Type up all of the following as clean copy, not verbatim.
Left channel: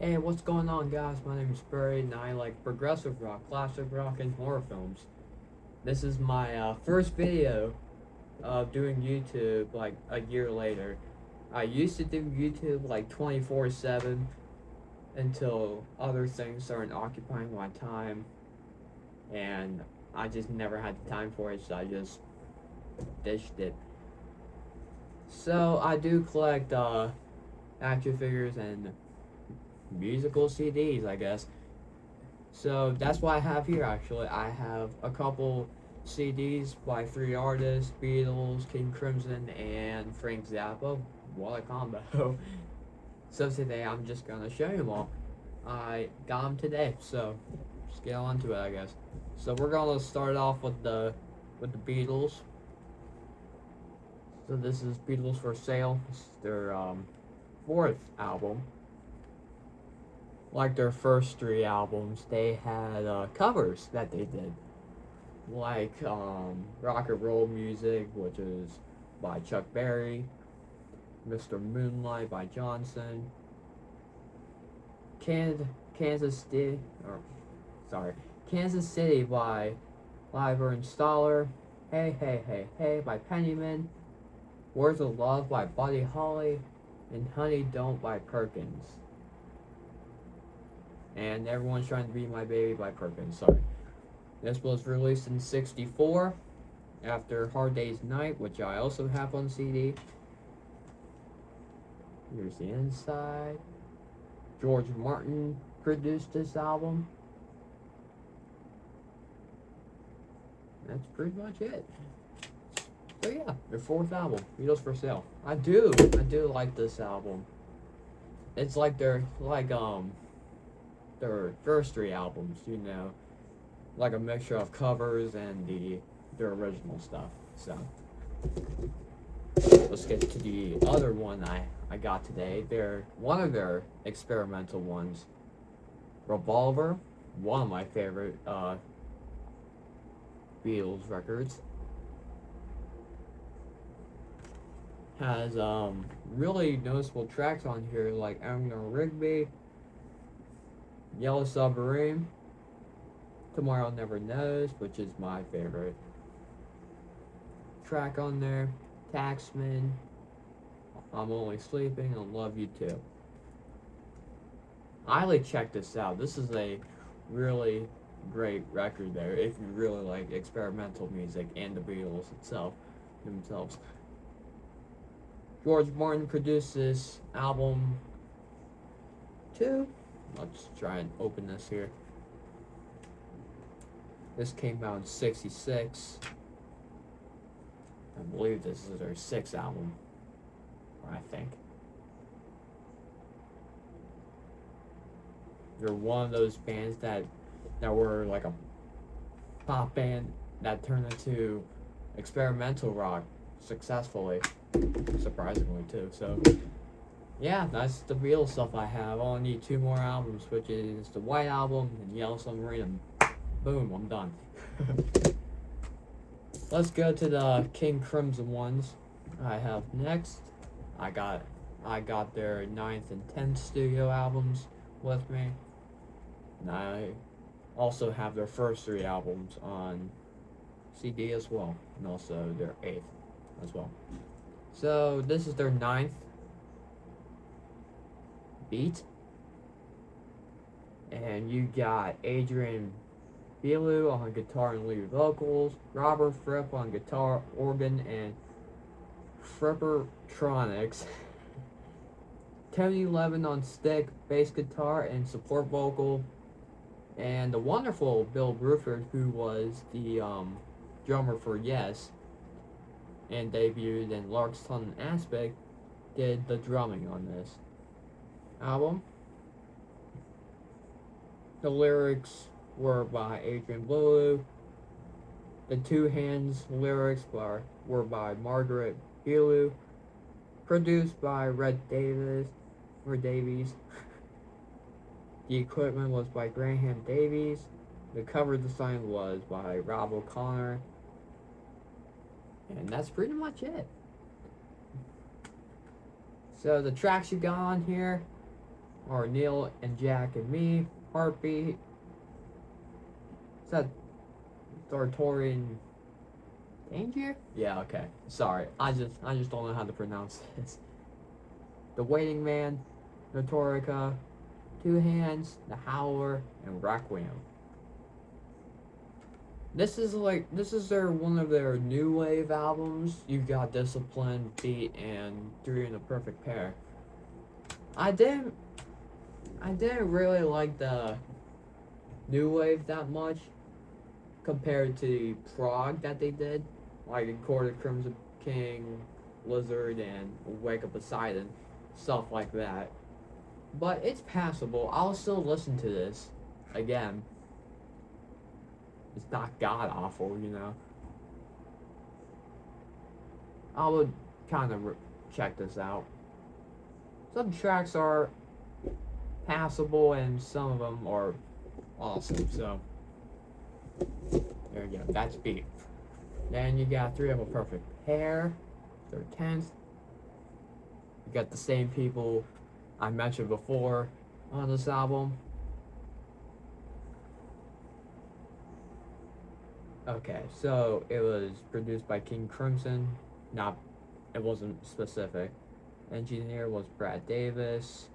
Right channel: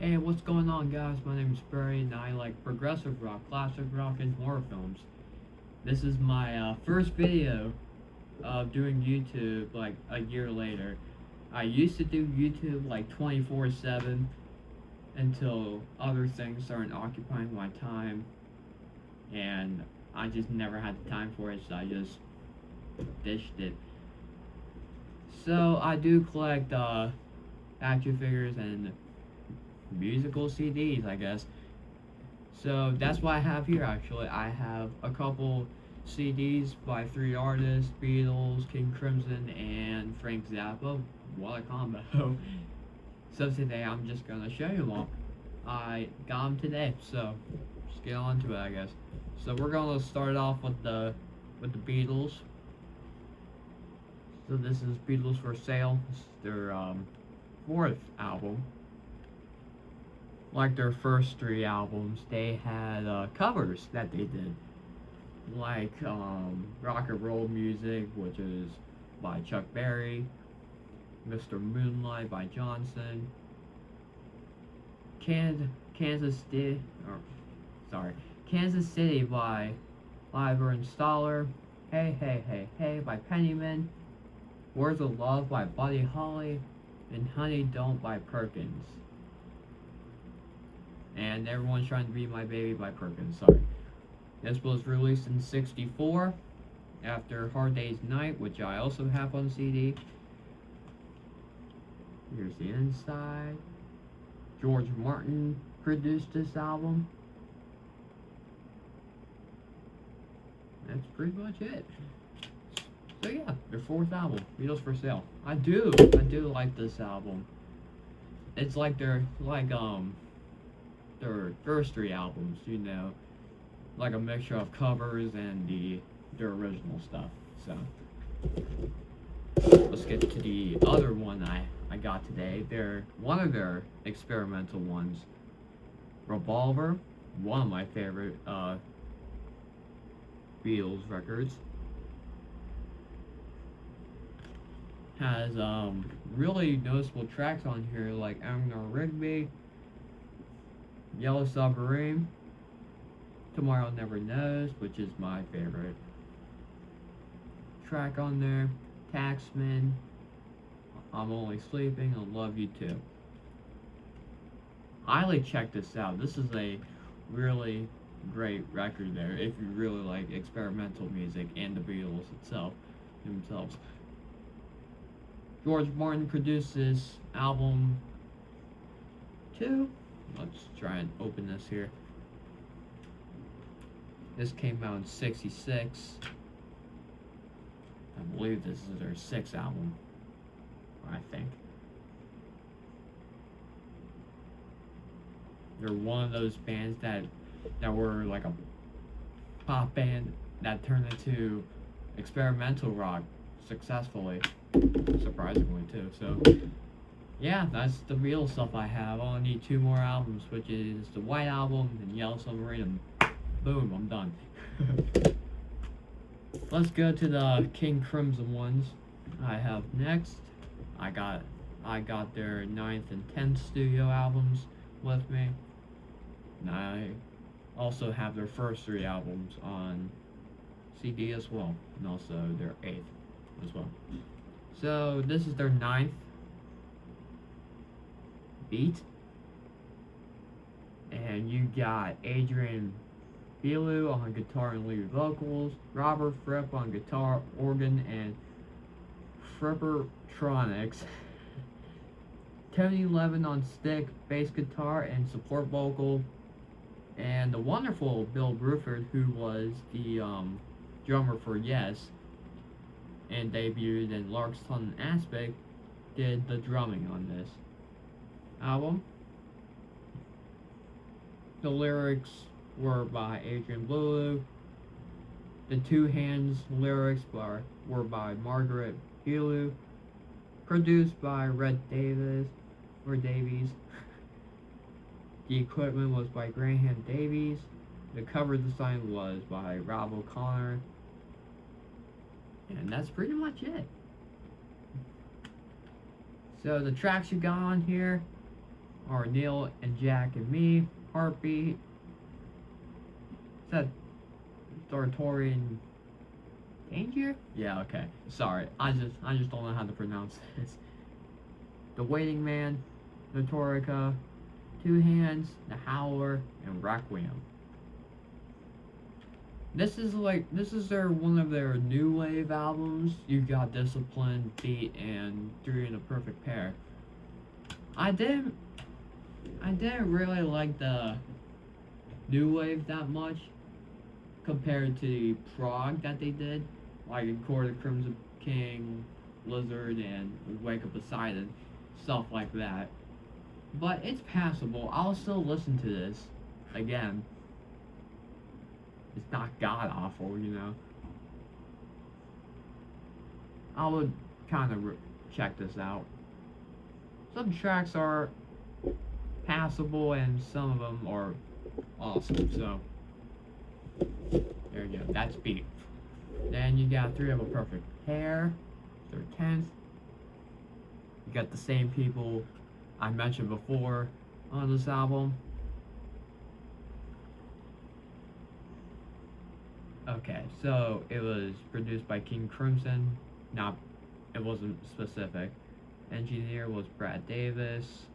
Hey, what's going on, guys? My name is Barry, and I like progressive rock, classic rock, and horror films. This is my first video of doing YouTube like a year later. I used to do YouTube like 24/7 until other things started occupying my time, and I just never had the time for it, so I just ditched it. So I do collect action figures and musical CDs, I guess. So that's what I have here actually. I have a couple CDs by three artists: Beatles, King Crimson, and Frank Zappa. What a combo. So today I'm just gonna show you them all. I got them today, so just get on to it, I guess. So we're gonna start off with the Beatles. So this is Beatles for Sale. This is their fourth album. Like their first three albums, they had covers that they did, like Rock and Roll Music, which is by Chuck Berry, Mr. Moonlight by Johnson, Kansas City, Kansas City by Leiber and Stoller, Hey Hey Hey Hey by Pennyman, Words of Love by Buddy Holly, and Honey Don't by Perkins. And Everyone's Trying to Be My Baby by Perkins, sorry. This was released in '64 after Hard Day's Night, which I also have on CD. Here's the inside. George Martin produced this album. That's pretty much it. So yeah, their fourth album, Beatles for Sale. I do like this album. It's like their first three albums, you know, like a mixture of covers and their original stuff. So let's get to the other one I got today. They're one of their experimental ones, Revolver, one of my favorite Beatles records. Has really noticeable tracks on here like Eleanor Rigby, Yellow Submarine, Tomorrow Never Knows, which is my favorite track on there, Taxman, I'm Only Sleeping, and Love You Too. Highly check this out. This is a really great record there if you really like experimental music and the Beatles themselves. George Martin produced this album too. Let's try and open this here. This came out in '66. I believe this is their sixth album, I think. They're one of those bands that were like a pop band that turned into experimental rock successfully, surprisingly too. So yeah, that's the Beatles stuff I have. I only need two more albums, which is the White Album and Yellow Submarine, and boom, I'm done. Let's go to the King Crimson ones I have next. I got their 9th and 10th studio albums with me. And I also have their first three albums on CD as well, and also their 8th as well. So this is their 9th beat, and you got Adrian Belew on guitar and lead vocals, Robert Fripp on guitar, organ, and Frippertronics, Tony Levin on stick, bass guitar, and support vocal, and the wonderful Bill Bruford, who was the drummer for Yes and debuted in Larkson Aspect, did the drumming on this album. The lyrics were by Adrian Belew. The Two Hands lyrics were by Margaret Belew. Produced by Red Davies. The equipment was by Graham Davies. The cover design was by Rob O'Connor. And that's pretty much it. So the tracks you got on here are Neil and Jack and Me, Heartbeat. Is that Sartorian Danger? Yeah, okay. Sorry. I just don't know how to pronounce this. The Waiting Man, Notorica, Two Hands, The Howler, and Requiem. This is one of their new wave albums. You got Discipline, Beat, and Three in a Perfect Pair. I didn't really like the new wave that much compared to the prog that they did, like Court of Crimson King, Lizard, and Wake Up Poseidon, stuff like that. But it's passable. I'll still listen to this again. It's not god awful, you know. I would kind of check this out. Some tracks are passable and some of them are awesome, so there you go. That's Beat. Then you got Three of a Perfect Pair, their 10th. You got the same people I mentioned before on this album. Okay, so it was produced by King Crimson. It wasn't specific. Engineer was Brad Davis.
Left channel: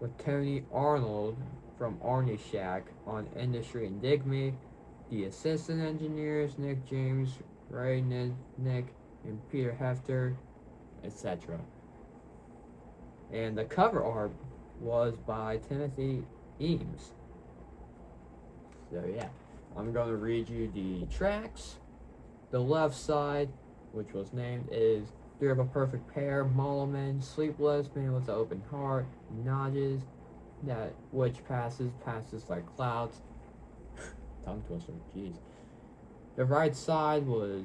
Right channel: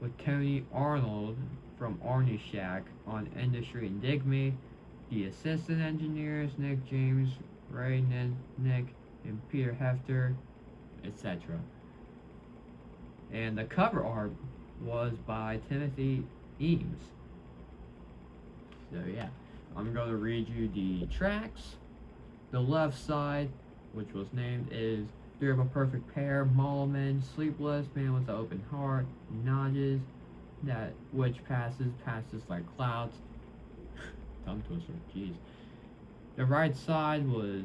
With Tony Arnold from Arnie Shack on Industry and Dig Me. The assistant engineers, Nick James, Ray Nick, and Peter Hefter, etc. And the cover art was by Timothy Eames. So yeah, I'm going to read you the tracks. The left side, which was named, is Three of a Perfect Pair, Mulliman, Sleepless, Man with the Open Heart, Nodges, that which passes like clouds. Tongue twister, jeez. The right side was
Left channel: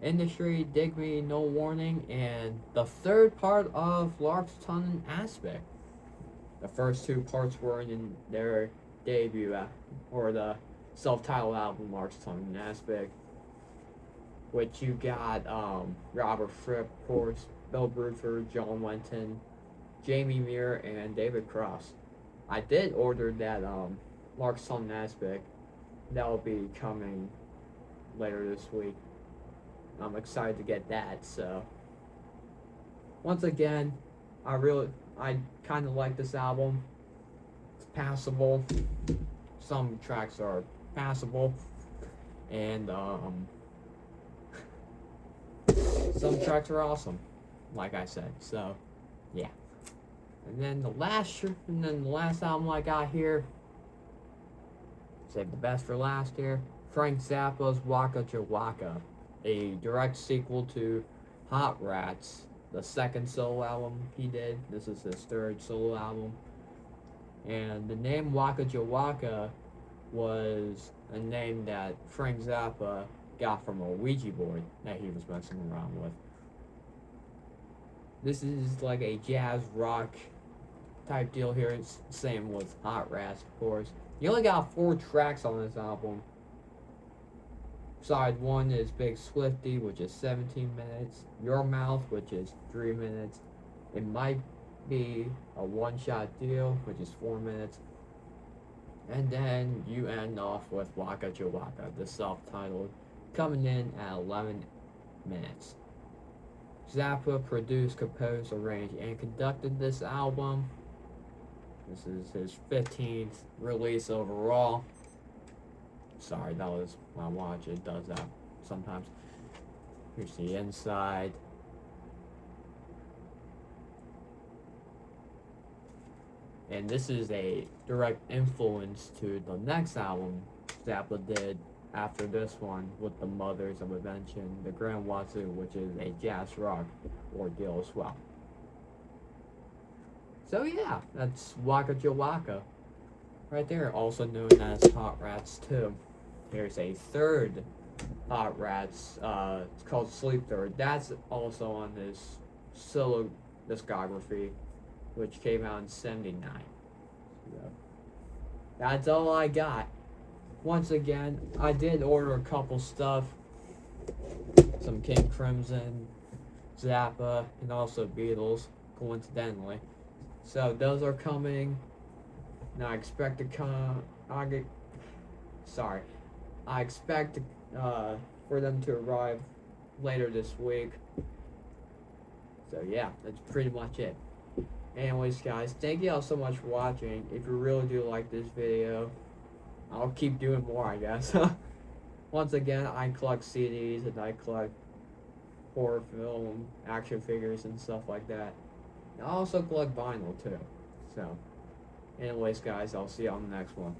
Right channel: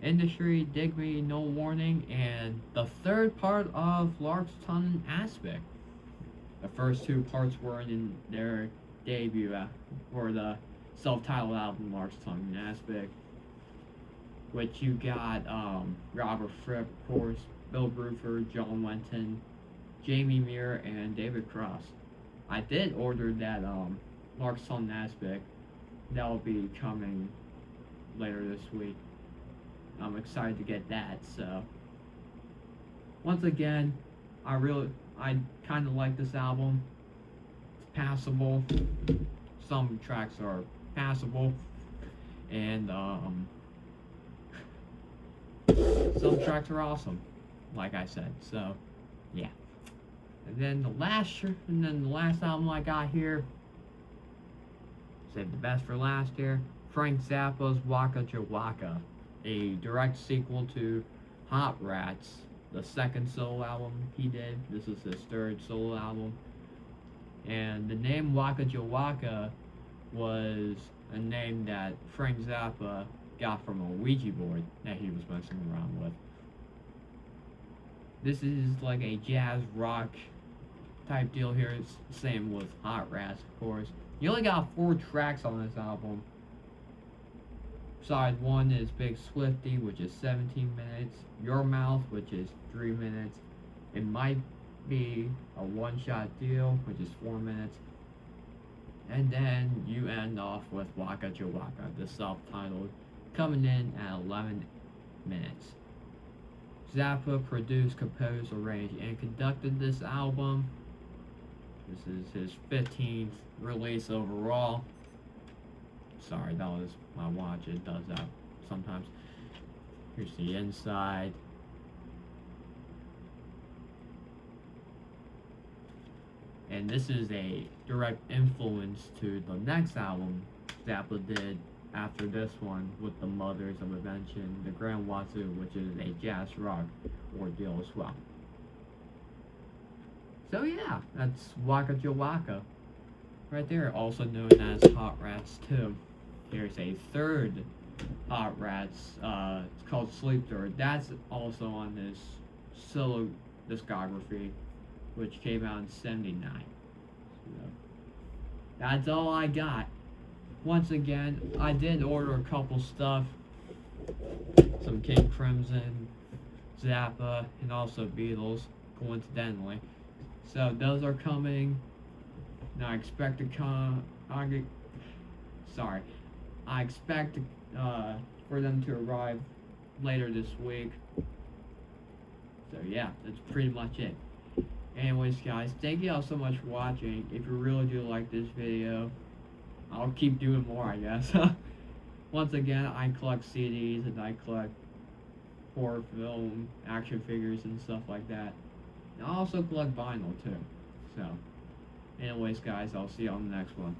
Industry, Dig Me, No Warning, and the third part of Lark's Tongue Aspect. The first two parts were in their debut, or the self-titled album, Lark's Tongue Aspect, which you got Robert Fripp, of course, Bill Bruford, John Lenton, Jamie Muir, and David Cross. I did order that Lark's Tongue Aspect. That will be coming later this week. I'm excited to get that. So once again, I kind of like this album. It's passable. Some tracks are passable, and some tracks are awesome, like I said. So yeah. And then the last album I got here, saved the best for last here, Frank Zappa's Waka Jawaka, a direct sequel to Hot Rats, the second solo album he did. This is his third solo album. And the name Waka Jawaka was a name that Frank Zappa got from a Ouija board that he was messing around with. This is like a jazz rock type deal here. It's the same with Hot Rats, of course. You only got 4 tracks on this album. Side 1 is Big Swifty, which is 17 minutes. Your Mouth, which is 3 minutes. It Might Be a One-Shot Deal, which is 4 minutes. And then you end off with Waka Jawaka, the self-titled, coming in at 11 minutes. Zappa produced, composed, arranged, and conducted this album. This is his 15th release overall. Sorry, that was my watch. It does that sometimes. Here's the inside. And this is a direct influence to the next album Zappa did after this one with the Mothers of Invention, the Grand Wazoo, which is a jazz rock ordeal as well. So yeah, that's Waka Jawaka right there, also known as Hot Rats 2. Here's a third Hot Rats, it's called Sleep Third. That's also on this solo discography, which came out in 79. So, that's all I got. Once again, I did order a couple stuff. Some King Crimson, Zappa, and also Beatles, of coincidentally. So those are coming. Now I expect to I expect for them to arrive later this week. So yeah, that's pretty much it. Anyways, guys, thank you all so much for watching. If you really do like this video, I'll keep doing more, I guess. Once again, I collect CDs and I collect horror film, action figures, and stuff like that. I also collect vinyl too. So, anyways, guys, I'll see you on the next one.